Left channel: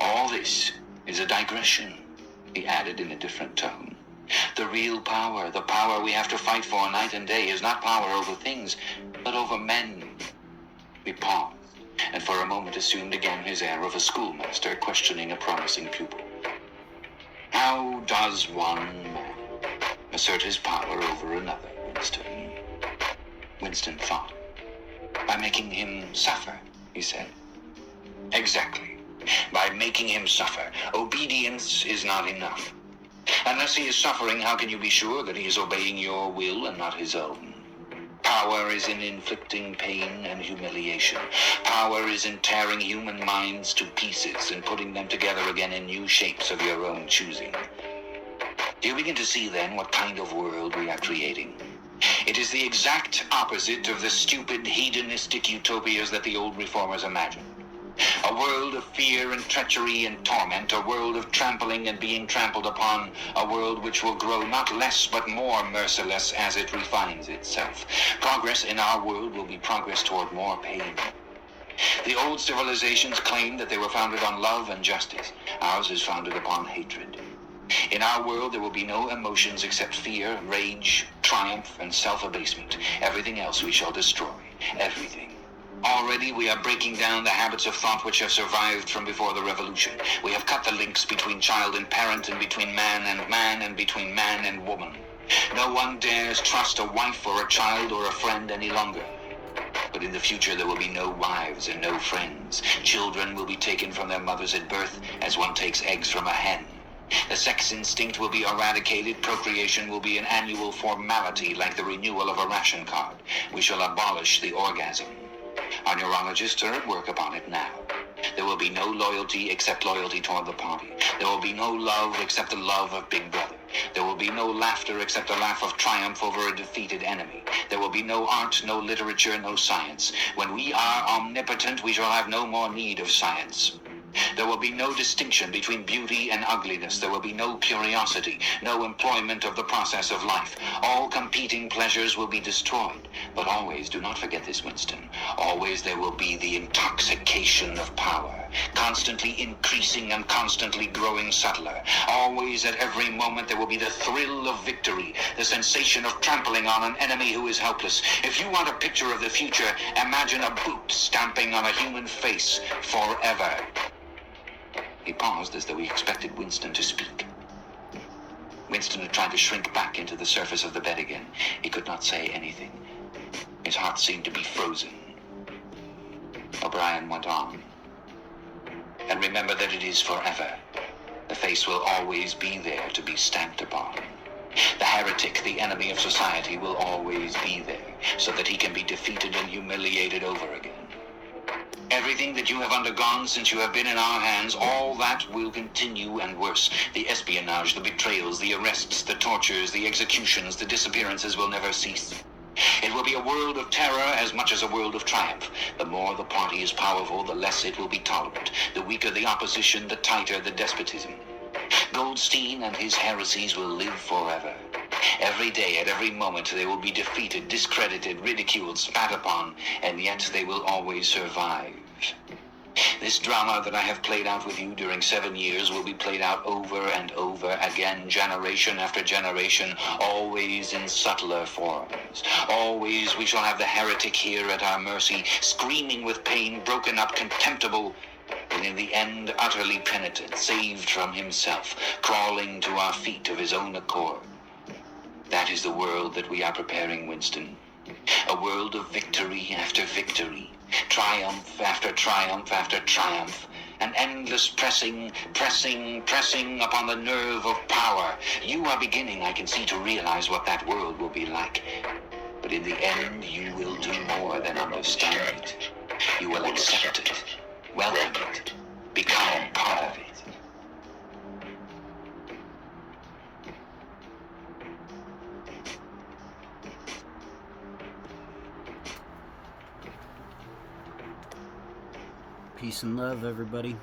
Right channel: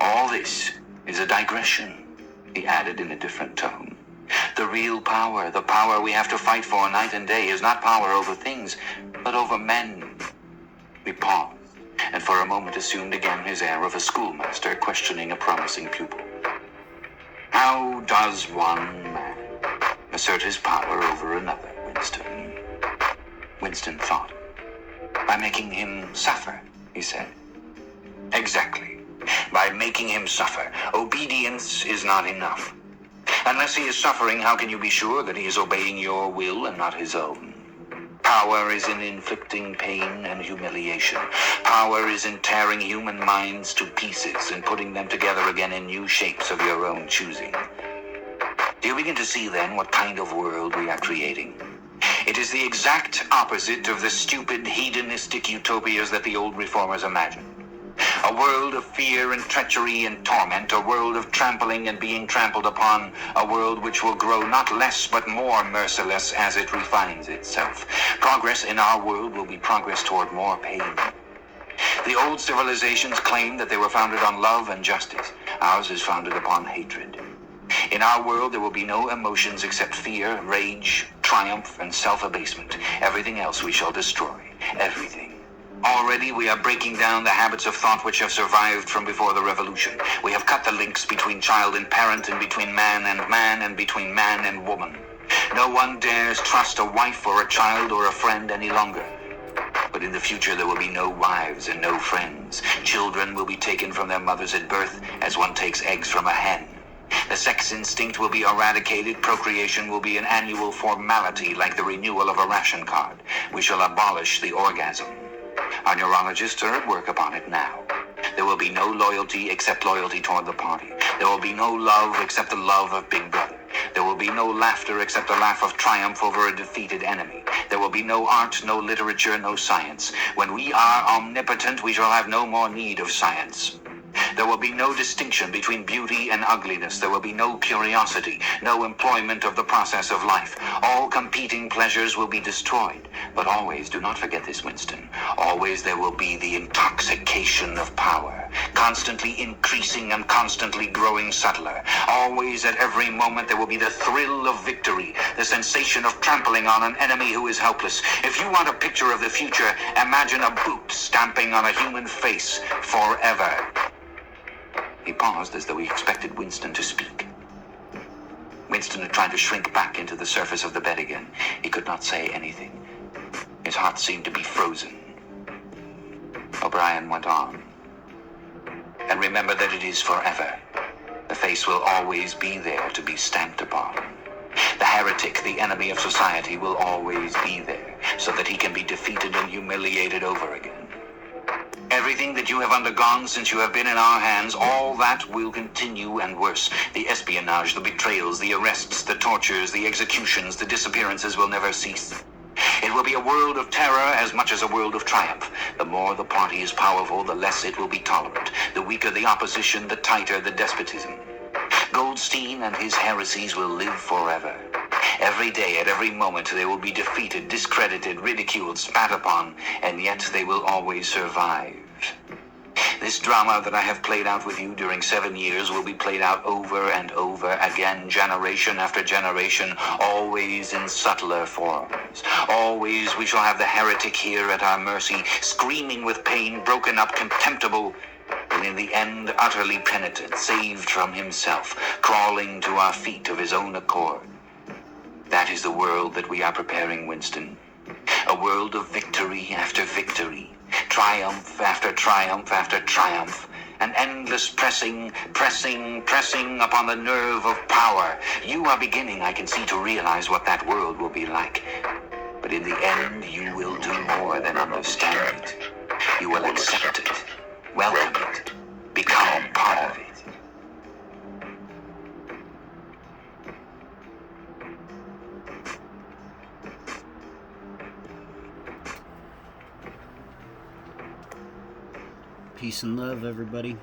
All this is a digression, he added in a different tone. The real power, the power we have to fight for night and day, is not power over things, but over men. We paused, and for a moment assumed again his air of a schoolmaster questioning a promising pupil. How does one man assert his power over another, Winston? Winston thought. By making him suffer, he said. Exactly. By making him suffer. Obedience is not enough. Unless he is suffering, how can you be sure that he is obeying your will and not his own? Power is in inflicting pain and humiliation. Power is in tearing human minds to pieces and putting them together again in new shapes of your own choosing. Do you begin to see then what kind of world we are creating? It is the exact opposite of the stupid hedonistic utopias that the old reformers imagined. A world of fear and treachery and torment, a world of trampling and being trampled upon, a world which will grow not less but more merciless as it refines itself. Progress in our world will be progress toward more pain. The old civilizations claimed that they were founded on love and justice. Ours is founded upon hatred. In our world there will be no emotions except fear, rage, triumph, and self-abasement. Everything else we shall destroy. Everything. Already we are breaking down the habits of thought which have survived from before the revolution. We have cut the links between child and parent, and between man, and between man and woman. No one dares trust a wife or a child or a friend any longer. But in the future there will be no wives and no friends. Children will be taken from their mothers at birth as one takes eggs from a hen. The sex instinct will be eradicated. Procreation will be an annual formality like the renewal of a ration card. We shall abolish the orgasm. Our neurologists are at work upon it now. There will be no loyalty except loyalty toward the party. There will be no love except the love of Big Brother. There will be no laughter except the laugh of triumph over a defeated enemy. There will be no art, no literature, no science. When we are omnipotent, we shall have no more need of science. There will be no distinction between beauty and ugliness. There will be no curiosity, no employment of the process of life. All competing pleasures will be destroyed. But always, do not forget this, Winston, always there will be the intoxication of power, constantly increasing and constantly growing subtler. Always, at every moment, there will be the thrill of victory, the sensation of trampling on an enemy who is helpless. If you want a picture of the future, imagine a boot stamping on a human face forever. He paused as though he expected Winston to speak. Winston had tried to shrink back into the surface of the bed again. He could not say anything. His heart seemed to be frozen. O'Brien went on. And remember that it is forever. The face will always be there to be stamped upon. The heretic, the enemy of society, will always be there, so that he can be defeated and humiliated over again. Everything that you have undergone since you have been in our hands, all that will continue and worse. The espionage, the betrayals, the arrests, the tortures, the executions, the disappearances will never cease. It will be a world of terror as much as a world of triumph. The more the party is powerful, the less it will be tolerant. The weaker the opposition, the tighter the despotism. Goldstein and his heresies will live forever. Every day, at every moment, they will be defeated, discredited, ridiculed, spat upon, and yet they will always survive. This drama that I have played out with you during 7 years will be played out over and over again, generation after generation, always in subtler forms. Always we shall have the heretic here at our mercy, screaming with pain, broken up, contemptible, and in the end utterly penitent, saved from himself, crawling to our feet of his own accord. That is the world that we are preparing, Winston. A world of victory after victory, triumph after triumph after triumph, an endless pressing upon the nerve of power. You are beginning, I can see, to realize what that world will be like. But in the end, you will do more than understand it. You will accept it, welcome it, become part of it. Peace and love, everybody.